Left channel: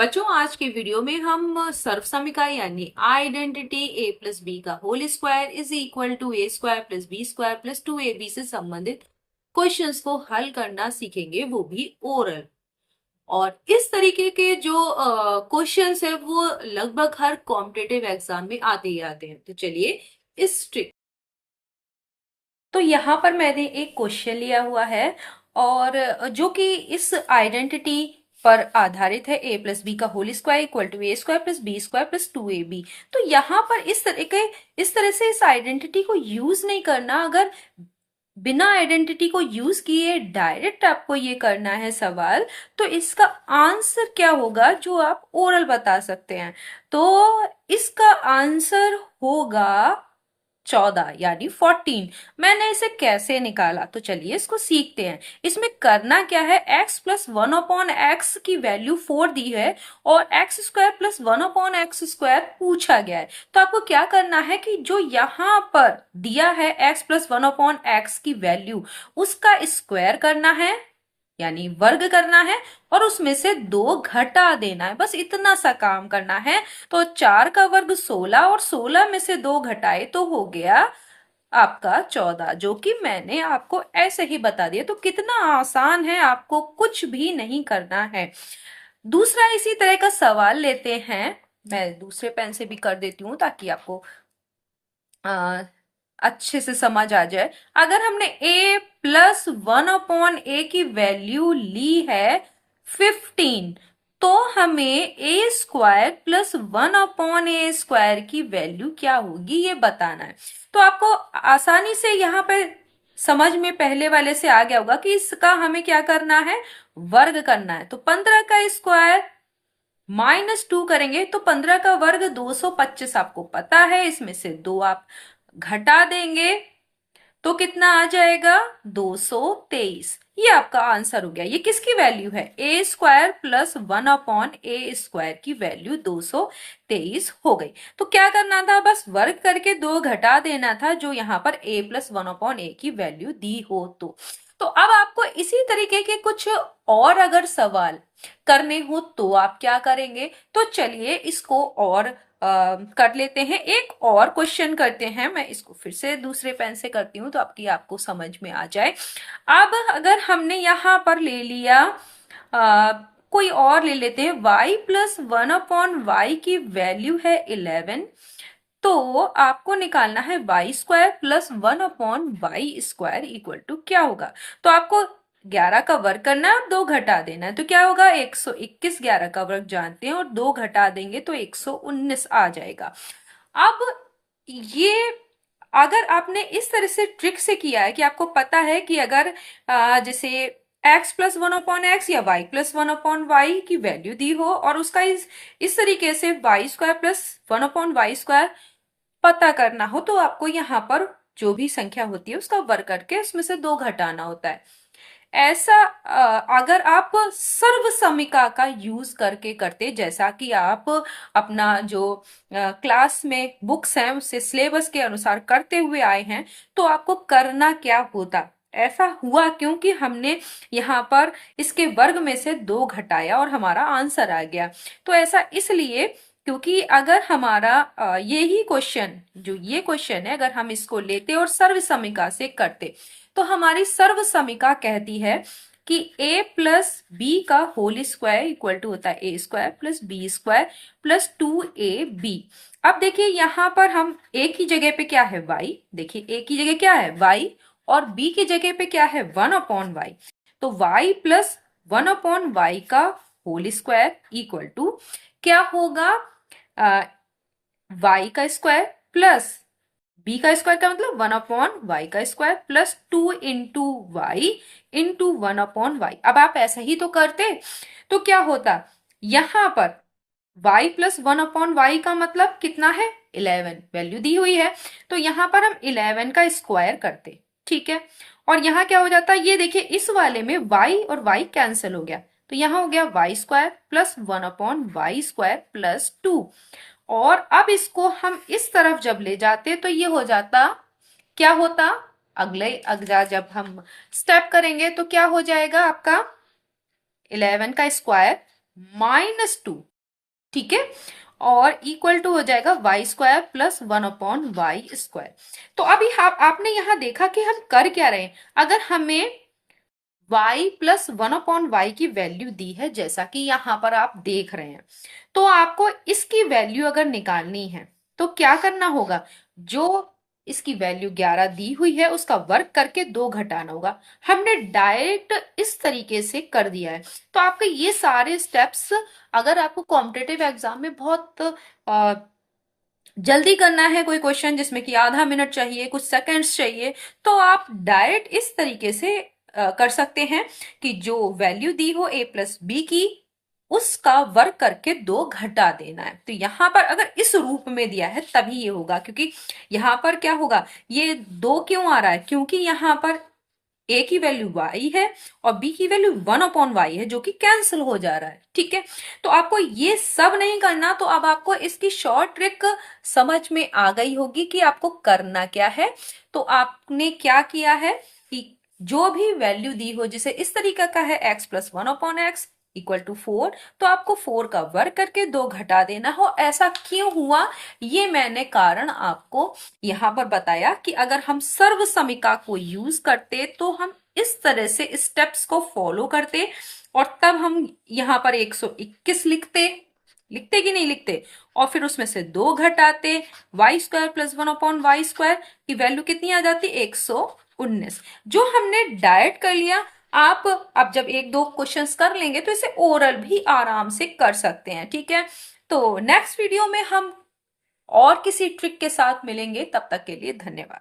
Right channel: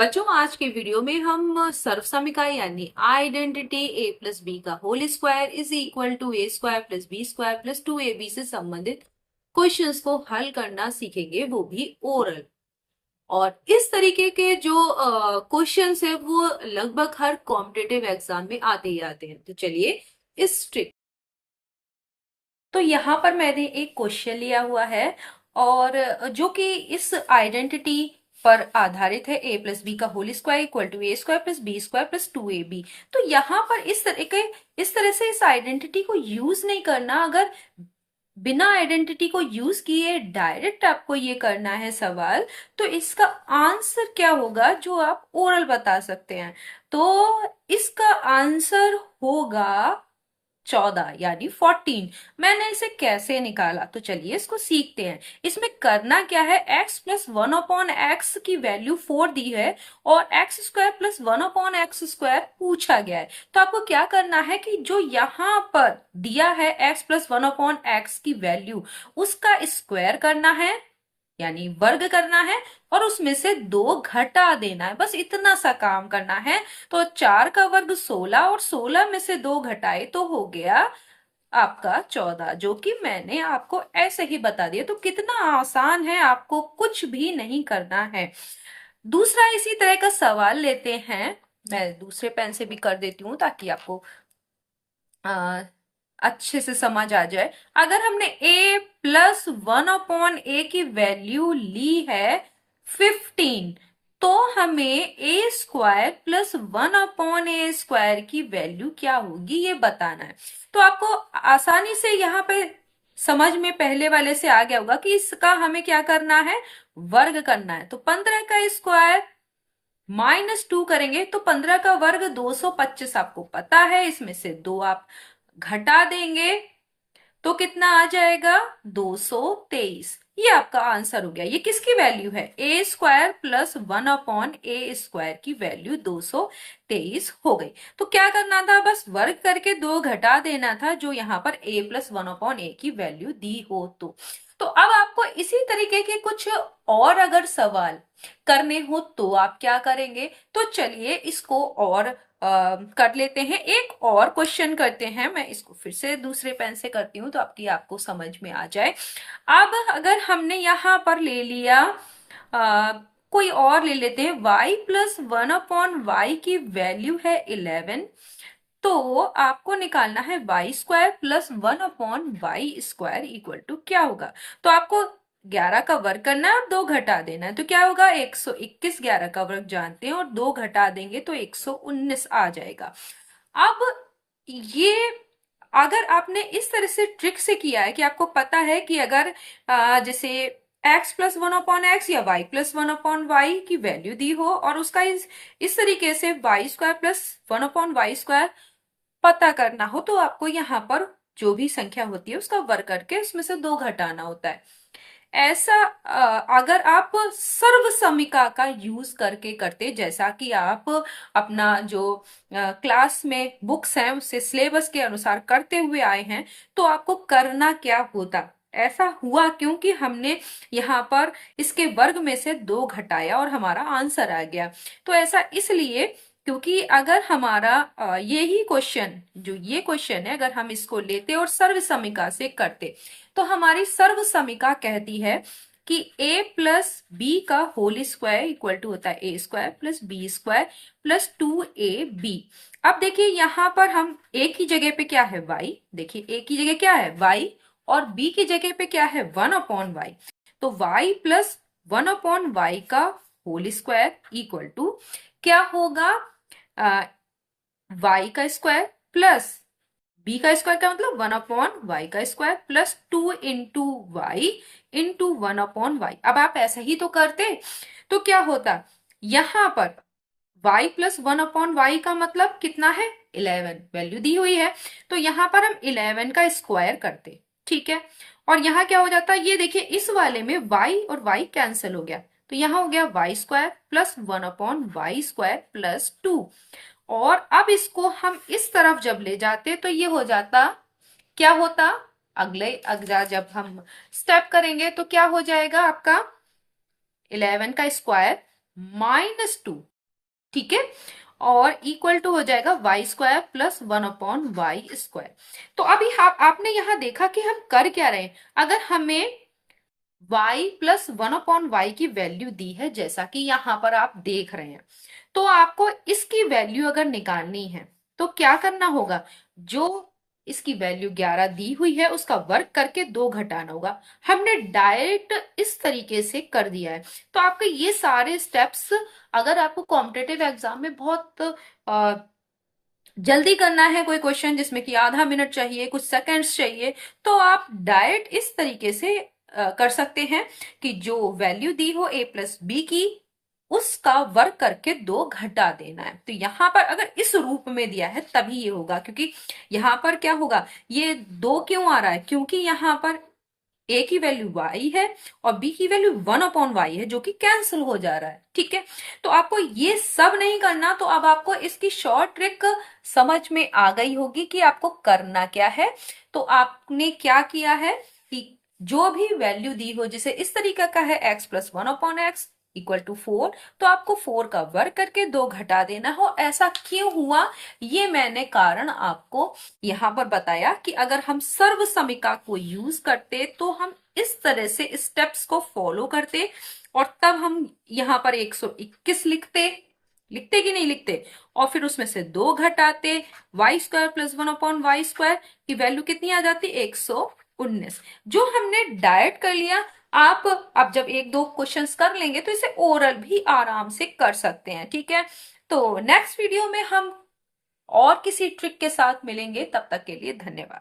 बच्चों, आज के वीडियो में हम सर्वसमीका यानी आइडेंटिटी a प्लस बी का whole square is equal to a square plus B square plus 2ab से संबंधित क्वेश्चंस को हल करना सीखेंगे, वो भी ओरल। और इस तरीके के जो क्वेश्चंस है वो लगभग हर कॉम्पिटेटिव एग्जाम में आते ही आते हैं। तो चलिए इस ट्रिक। तो यहाँ पर मैंने एक क्वेश्चन लिया हुआ है और जो कि इस आइडेंटिटी पर आधारित है, a प्लस बी का whole square equal to a square plus B square plus 2ab। तो यहाँ पर इस तरह से इस आइडेंटिटी को यूज नहीं करना। अगर बिना आइडेंटिटी को यूज किए डायरेक्ट आपको ये करना है सवाल, तो इसका आंसर क्या होगा जो आप ओरल बता सकते हैं। तो इसका आंसर होगा 14 यानी 14। मैंने इसे कैसे निकाला, तो चलिए इसको सीखते हैं। इसमें करना क्या है, x प्लस 1/x की वैल्यू 4 दी है और x square plus 1/x square पूछा गया है। तो आपको क्या करना है कि जो यहाँ पर दिया है x प्लस 1/x की वैल्यू, उसका स्क्वायर करना है यानी वर्ग करना है और उसमें से 2 घटा देना है। बस इतना सा काम करना है। तो 4 का वर्ग 16 और 16 में से 2 घटाए तो हो गया आपका 14, जो कि मैंने आपको ऐसे ही बता दिया। तो कितना आसान है, आपको कुछ भी नहीं करना है। दूसरा इसी तरह का सवाल लेते हैं। मैं दूसरे पेन से भी कर देती हूँ ताकि आपको अच्छे से समझ आ जाए। अगर हमने a प्लस 1/a की वैल्यू ली है 15, तो हमें a square plus 1/a square की वैल्यू क्या होगी ये बताना है। तो आपको आसानी से यहाँ पे समझ में पहले वाले से आ गया होगा कि इसका हमें क्या करना है, वर्ग करना है। तो 15 का स्क्वायर -2 करेंगे तो 15 का वर्ग 225 आपको पता है। इसमें से 2 आप घटा देंगे तो कितना आ जाएगा, 223। ये आपका आंसर हो गया। ये किसकी वैल्यू है, A square plus 1/a square की वैल्यू 223 हो गई। तो क्या करना था, बस वर्ग करके 2 घटा देना था जो यहाँ पर a प्लस 1/a की वैल्यू दी हो। तो अब आपको इसी तरीके के कुछ और अगर सवाल करने हो तो आप क्या करेंगे। तो चलिए इसको और कर लेते हैं। एक और क्वेश्चन करते हैं। मैं इसको फिर से दूसरे पेन से करती हूँ तो आपको समझ में आ जाए। अब अगर हमने यहाँ पर ले लिया कोई और ले लेते हैं, y प्लस 1/y की वैल्यू है 11। तो आपको निकालना है y square plus 1/y square equal to क्या होगा। तो आपको 11 का वर्ग करना है और 2 घटा देना है। तो क्या होगा, 121। 11 का वर्ग जानते हैं और 2 घटा देंगे तो 119 आ जाएगा। अब ये अगर आपने इस तरह से ट्रिक से किया है कि आपको पता है कि अगर जैसे x प्लस 1/x या y प्लस 1/y की वैल्यू दी हो और उसका इस तरीके से y square plus 1/y square पता करना हो, तो आपको यहाँ पर जो भी संख्या होती है उसका वर्ग करके इसमें से 2 घटाना होता है। ऐसा अगर आप सर्वसमीका का यूज करके करते, जैसा कि आप अपना जो क्लास में बुक्स हैं उससे सिलेबस के अनुसार करते हुए आए हैं, तो आपको करना क्या होता। ऐसा हुआ क्योंकि हमने यहाँ पर इसके वर्ग में से 2 घटाया और हमारा आंसर आ गया। तो ऐसा इसलिए क्योंकि अगर हमारा यही क्वेश्चन, जो ये क्वेश्चन है, अगर हम इसको लेते और सर्वसमीका से करते, तो हमारी सर्वसमीका कहती है कि a प्लस बी का होल स्क्वायर इक्वल टू होता है A square plus B square plus 2ab। अब देखिए यहाँ पर हम a की जगह पे क्या है, y। देखिए a की जगह क्या है, y, और b की जगह पे क्या है, 1/y। तो y प्लस 1/y का होल स्क्वायर इक्वल टू क्या होगा, y का स्क्वायर प्लस b का स्क्वायर का मतलब 1/y का square plus 2 into y into 1/y। अब आप ऐसा ही तो करते तो क्या होता, यहां पर y प्लस 1/y का मतलब कितना है, 11 वैल्यू दी हुई है। तो यहां पर हम 11 का स्क्वायर करते, ठीक है। और यहाँ क्या हो जाता है, ये देखिए इस वाले में y और y कैंसिल हो गया, तो यहाँ हो गया y square plus 1/y square plus 2। और अब इसको हम इस तरफ जब ले जाते तो ये हो जाता, क्या होता, अगला जब हम स्टेप करेंगे तो क्या हो जाएगा आपका, 11 का स्क्वायर -2, ठीक है, और इक्वल टू हो जाएगा y² + 1/y²। तो अभी आपने यहां देखा कि हम कर क्या रहे हैं। अगर हमें y + 1/y की वैल्यू दी है, जैसा कि यहां पर आप देख रहे हैं, तो आपको इसकी वैल्यू अगर निकालनी है तो क्या करना होगा, जो इसकी वैल्यू 11 दी हुई है उसका वर्ग करके 2 घटाना होगा। हमने डायरेक्ट इस तरीके से कर दिया है। तो आपके ये सारे स्टेप्स, अगर आपको कॉम्पिटेटिव एग्जाम में बहुत जल्दी करना है, कोई क्वेश्चन जिसमें कि आधा मिनट चाहिए, कुछ सेकंड्स चाहिए, तो आप डायरेक्ट इस तरीके से कर सकते हैं कि जो वैल्यू दी हो a + b की, उसका वर्ग करके 2 घटा देना है। तो यहां पर अगर इस रूप में दिया है तभी ये होगा, क्योंकि यहां पर क्या होगा, ये 2 क्यों आ रहा है, क्योंकि यहां पर a की वैल्यू y है और b की वैल्यू 1/y है, जो कि कैंसिल हो जा रहा है, ठीक है। तो आपको ये सब नहीं करना। तो अब आपको इसकी शॉर्ट ट्रिक समझ में आ गई होगी कि आपको करना क्या है। तो आपने क्या किया है कि जो भी वैल्यू दी हो, जैसे इस तरीके का है x + 1/x = 4, तो आपको 4 का वर्ग करके 2 घटा देना हो। ऐसा क्यों हुआ, ये मैंने कारण आपको यहां पर बताया कि अगर हम सर्व समीका को यूज करते तो हम इस तरह से स्टेप्स को फॉलो करते, और तब हम यहां पर 121 लिखते, लिखते कि नहीं लिखते, और फिर उसमें से 2 घटाते, y² + 1/y² की वैल्यू कितनी आ जाती, 119, जो हमने डायरेक्ट कर लिया। आप अब जब 1-2 क्वेश्चंस कर लेंगे तो इसे ओरल भी आराम से कर सकते हैं, ठीक है। तो नेक्स्ट वीडियो में हम और किसी ट्रिक के साथ मिलेंगे, तब तक के लिए धन्यवाद।